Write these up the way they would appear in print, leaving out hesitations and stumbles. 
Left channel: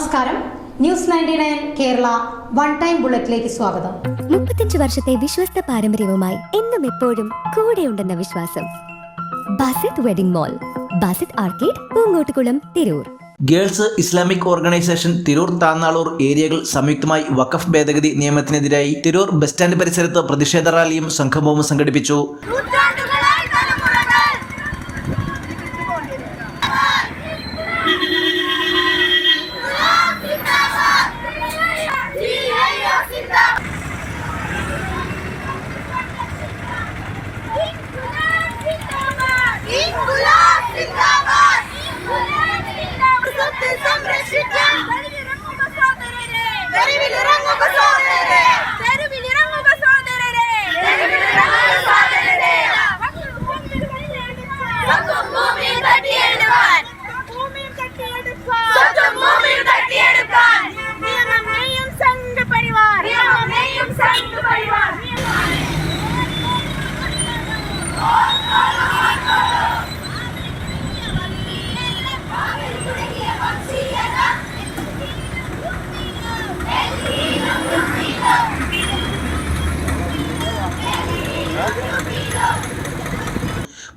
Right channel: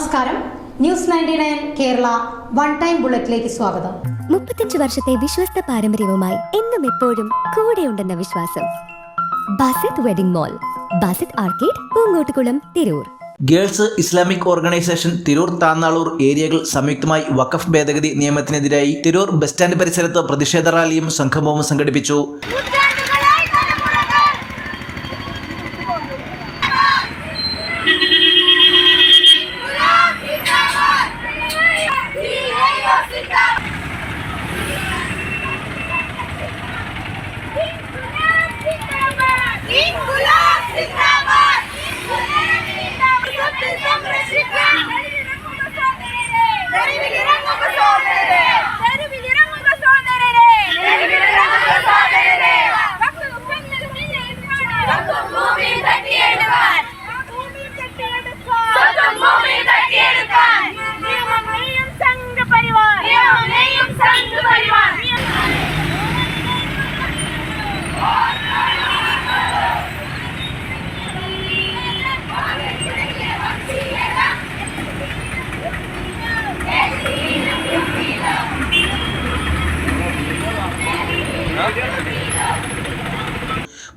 നമസ്കാരം. News 99 Kerala one time ബുള്ളറ്റിലേക്ക് സ്വാഗതം. 35 വർഷത്തെ വിശ്വസ്ത പാരമ്പര്യവുമായി എന്നും എപ്പോഴും കൂടെയുണ്ടെന്ന വിശ്വാസം. Basith wedding mall, Basith arcade, Poonkottukulam, Tirur. Girls Islamic organisation Tirur Thannalur ഏരിയകൾ സംയുക്തമായി വഖഫ് ഭേദഗതി നിയമത്തിനെതിരായി തിരൂർ ബസ് സ്റ്റാൻഡ് പരിസരത്ത് പ്രതിഷേധ റാലിയും സംഗമവും സംഘടിപ്പിച്ചു.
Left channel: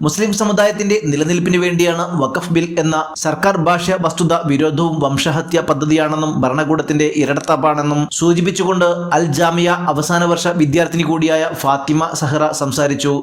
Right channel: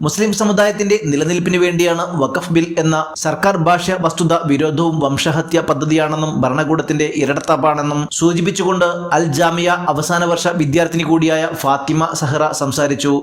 മുസ്ലിം സമുദായത്തിന്റെ നിലനിൽപ്പിന് വേണ്ടിയാണ് വഖഫ് ബിൽ എന്ന സർക്കാർ ഭാഷ്യ വസ്തുത വിരോധവും വംശഹത്യ പദ്ധതിയാണെന്നും ഭരണകൂടത്തിന്റെ ഇരട്ടത്താപ്പാണെന്നും സൂചിപ്പിച്ചുകൊണ്ട് അൽ ജാമിയ അവസാന വർഷ വിദ്യാർത്ഥിനി കൂടിയായ ഫാത്തിമ സഹറ സംസാരിച്ചു.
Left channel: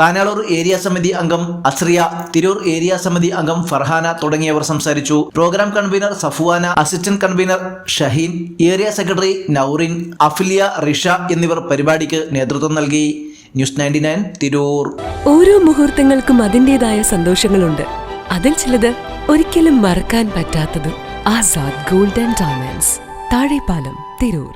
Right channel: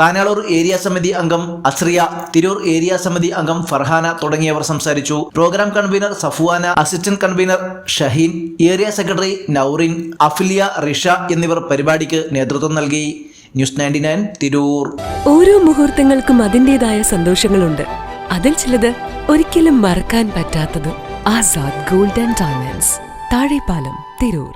താനാളൂർ ഏരിയ സമിതി അംഗം അസ്രിയ, തിരൂർ ഏരിയ സമിതി അംഗം ഫർഹാന തുടങ്ങിയവർ സംസാരിച്ചു. Programme convener Safuvana, assistant convener Shaheen, area secretary Naurin, Afiliya, Risha എന്നിവർ പരിപാടിക്ക് നേതൃത്വം നൽകി. ന്യൂസ് 99 തിരൂർ. ഓരോ മുഹൂർത്തങ്ങൾക്കും അതിൻ്റെതായ സന്തോഷങ്ങളുണ്ട്. അതിൽ ചിലത് ഒരിക്കലും മറക്കാൻ പറ്റാത്തതും. Azad gold and diamonds, Thazhepalam, Tirur.